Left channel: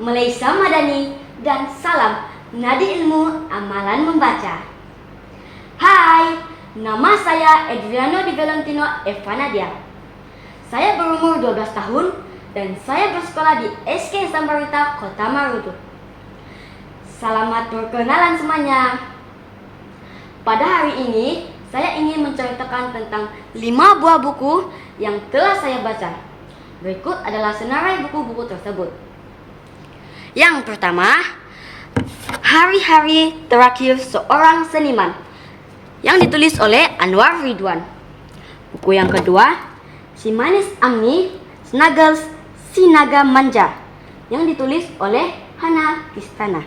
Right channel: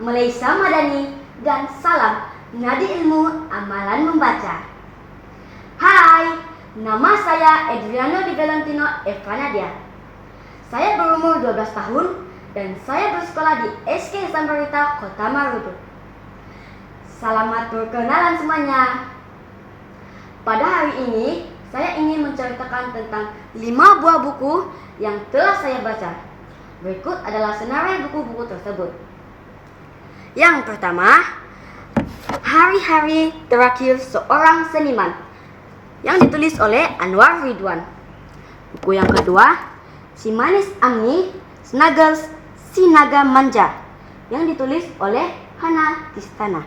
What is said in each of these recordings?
Malaysia Madani, dan salam Nadi Ilmu Amalan Membaca. Hai, nama saya Adriano Di Valentino Evanadia. Saya berumur 12 tahun dan saya bersekolah di SK Sambarita, Kota Marudu. Selamat berkenalan semuanya. Pada hari ini, saya ingin menceritakan tentang 5 buah buku yang telah saya baca. Berikut adalah senarai buku-buku tersebut. Yang pertama, Hari-Hari Terakhir Seorang Seniman, yang ditulis oleh Anwar Ridwan. Buku yang kedua, Si Manis Amni, Snuggles, Si Naga Manja, yang ditulis oleh Hana Kistana.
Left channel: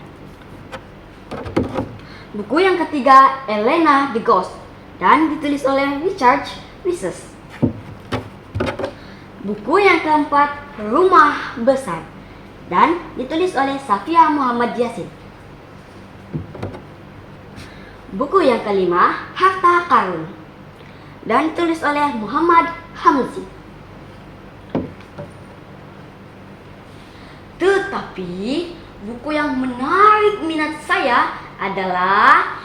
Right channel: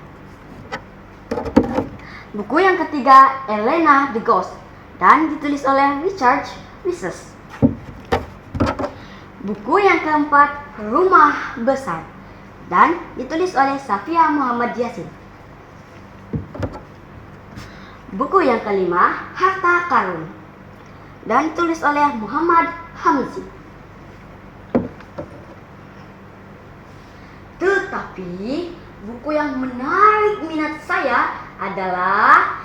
Buku yang ketiga, Elena the Ghost, dan ditulis oleh Richard Rises. Buku yang keempat, Rumah Besar, dan ditulis oleh Safia Muhammad Yasin. Buku yang kelima, Harta Karun, dan ditulis oleh Muhammad Hamzi. Tetapi buku yang menarik minat saya adalah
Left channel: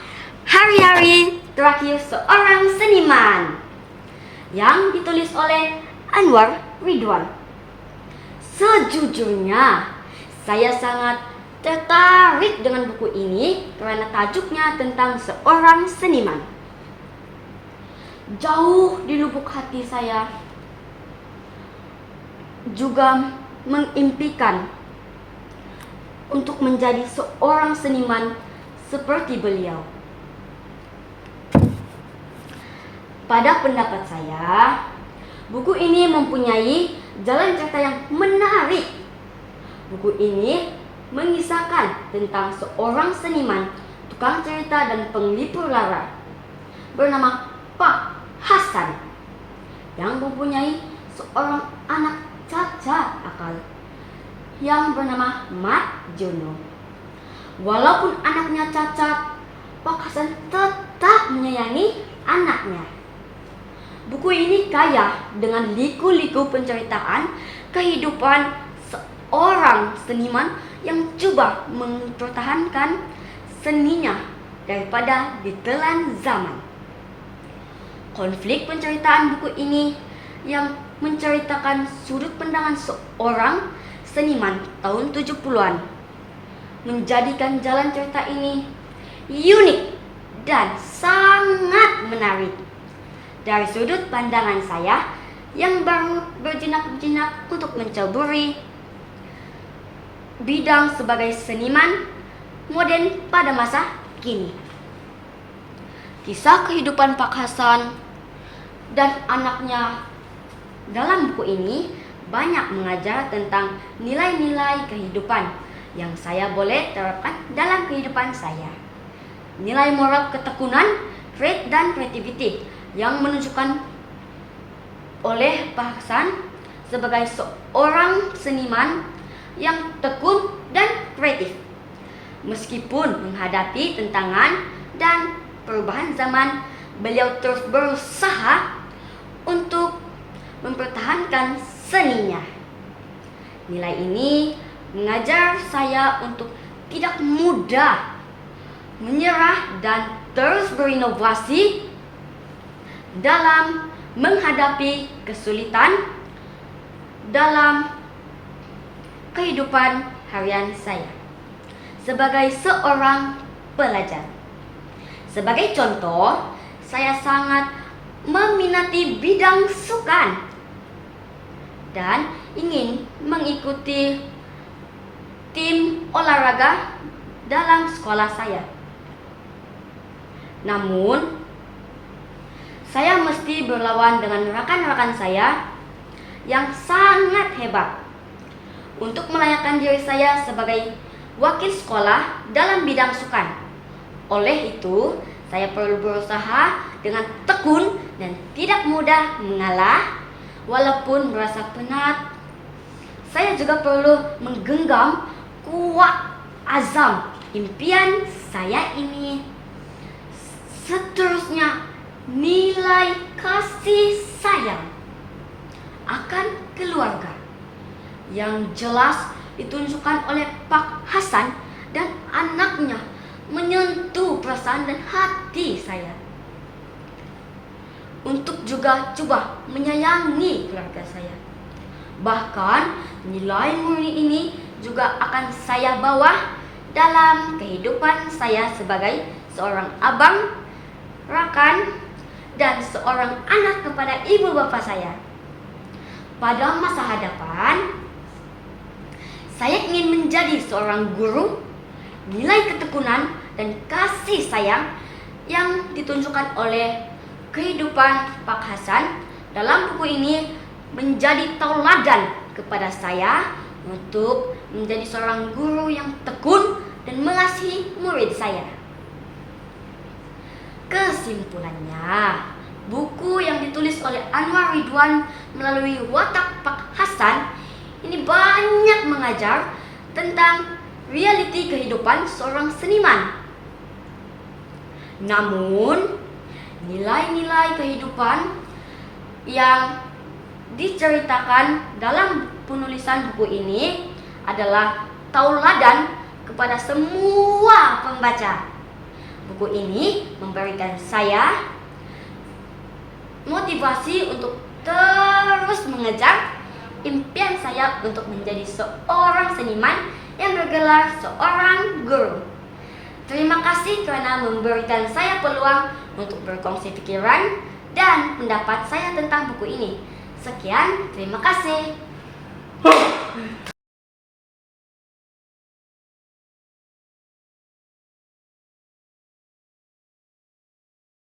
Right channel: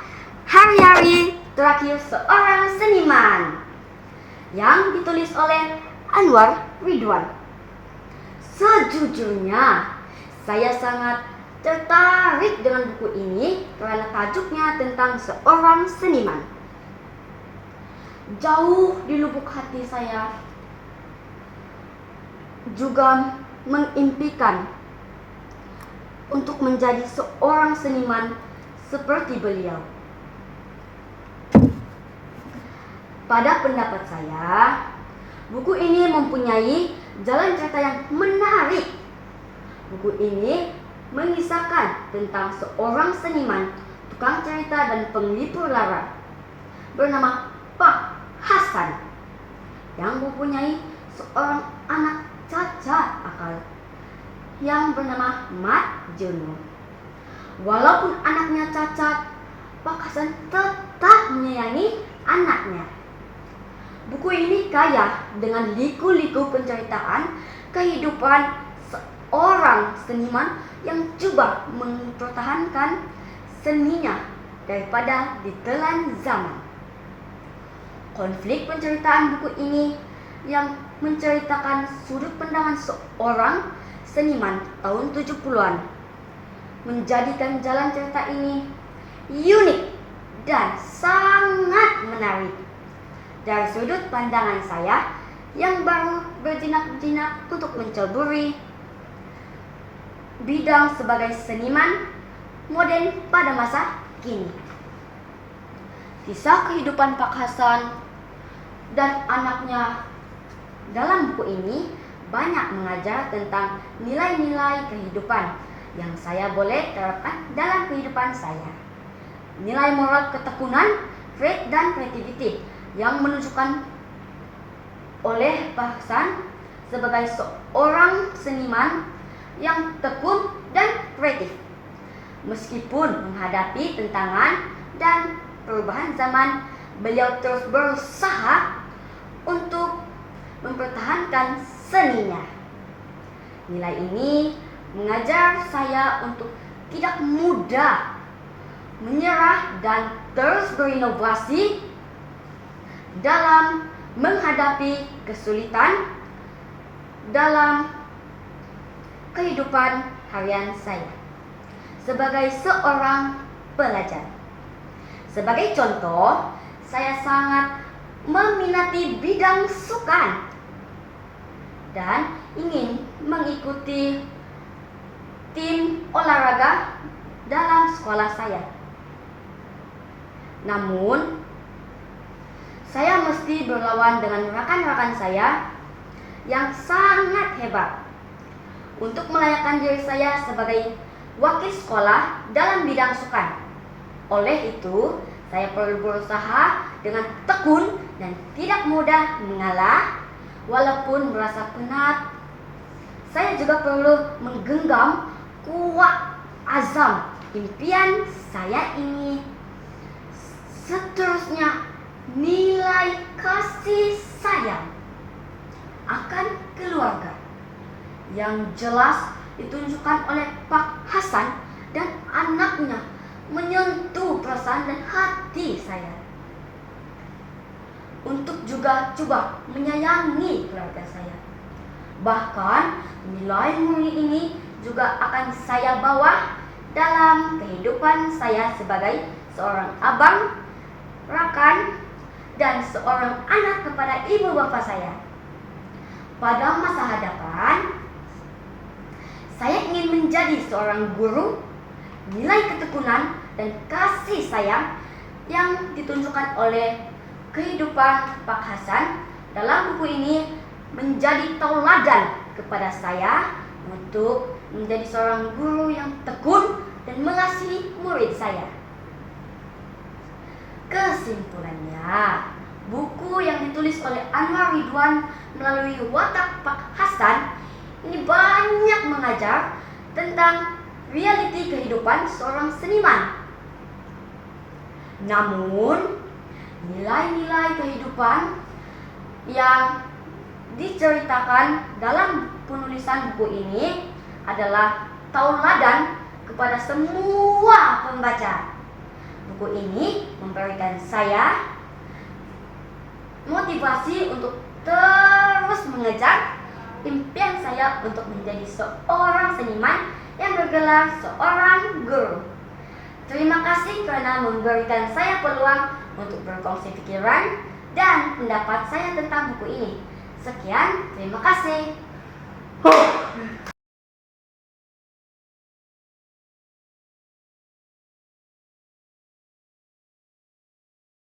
Hari-Hari Terakhir Seorang Seniman, yang ditulis oleh Anwar Ridwan. Sejujurnya, saya sangat tertarik dengan buku ini karena tajuknya tentang seorang seniman. Jauh di lubuk hati saya juga mengimpikan untuk menjadi seorang seniman seperti beliau. Pada pendapat saya, buku ini mempunyai jalan cerita yang menarik. Buku ini mengisahkan tentang seorang seniman, tukang cerita dan penglipur lara bernama Pak Hasan, yang mempunyai seorang anak cacat akal yang bernama Mat Jono. Walaupun anaknya cacat, Pak Hasan tetap menyayangi anaknya. Buku ini kaya dengan liku-liku penceritaan kehidupan seorang seniman yang coba mempertahankan seninya daripada ditelan zaman. Konflik penceritaan buku ini yang menceritakan sudut pandangan seorang seniman tahun 70-an menjadikan jalan cerita ini unik dan sangat menarik. Dari sudut pandangan saya yang baru berjinak-jinak untuk menceburi bidang sebagai seniman modern pada masa kini. Kisah kehidupan Pak Hasan dan anaknya dalam buku ini banyak mengajar tentang nilai-nilai kehidupan yang saya boleh terapkan dalam kehidupan saya. Nilai moral ketekunan, faith dan creativity yang menunjukkan oleh Pak Hasan sebagai seorang seniman yang tekun dan kreatif. Meskipun menghadapi tantangan dan perubahan zaman, beliau terus berusaha untuk mempertahankan seninya. Nilai ini mengajar saya untuk tidak mudah menyerah dan terus berinovasi dalam menghadapi kesulitan dalam kehidupan harian saya sebagai seorang pelajar. Sebagai contoh, saya sangat meminati bidang sukan dan ingin mengikuti tim olahraga dalam sekolah saya. Namun, saya mesti berlawan dengan rekan-rekan saya yang sangat hebat untuk melayakkan diri saya sebagai wakil sekolah dalam bidang sukan. Oleh itu, saya perlu berusaha dengan tekun dan tidak mudah mengalah. Walaupun merasa penat, saya juga perlu menggenggam kuat azam impian saya ini. Seterusnya, nilai kasih sayang akan keluarga yang jelas ditunjukkan oleh Pak Hasan dan anaknya menyentuh perasaan dan hati saya. Untuk juga coba menyayangi keluarga saya. Bahkan nilai murni ini juga akan saya bawa dalam kehidupan saya sebagai seorang abang, rakan, dan seorang anak kepada ibu bapak saya. Pada masa hadapan, saya ingin menjadi seorang guru, nilai ketekunan dan kasih sayang yang ditunjukkan oleh kehidupan Pak Hasan dalam buku ini menjadi tauladan kepada saya untuk menjadi seorang guru yang tekun dan mengasihi murid saya. Kesimpulannya, buku yang ditulis oleh Anwar Ridwan melalui watak Pak Hasan ini banyak mengajar tentang realiti kehidupan seorang seniman. Namun, nilai-nilai kehidupan yang diceritakan dalam penulisan buku ini adalah tauladan kepada semua pembaca. Buku ini memberikan saya motivasi untuk terus mengejar impian saya untuk menjadi seorang seniman yang bergelar seorang guru. Terima kasih karena memberikan saya peluang untuk berkongsi pikiran dan pendapat saya tentang buku ini. Sekian, terima kasih.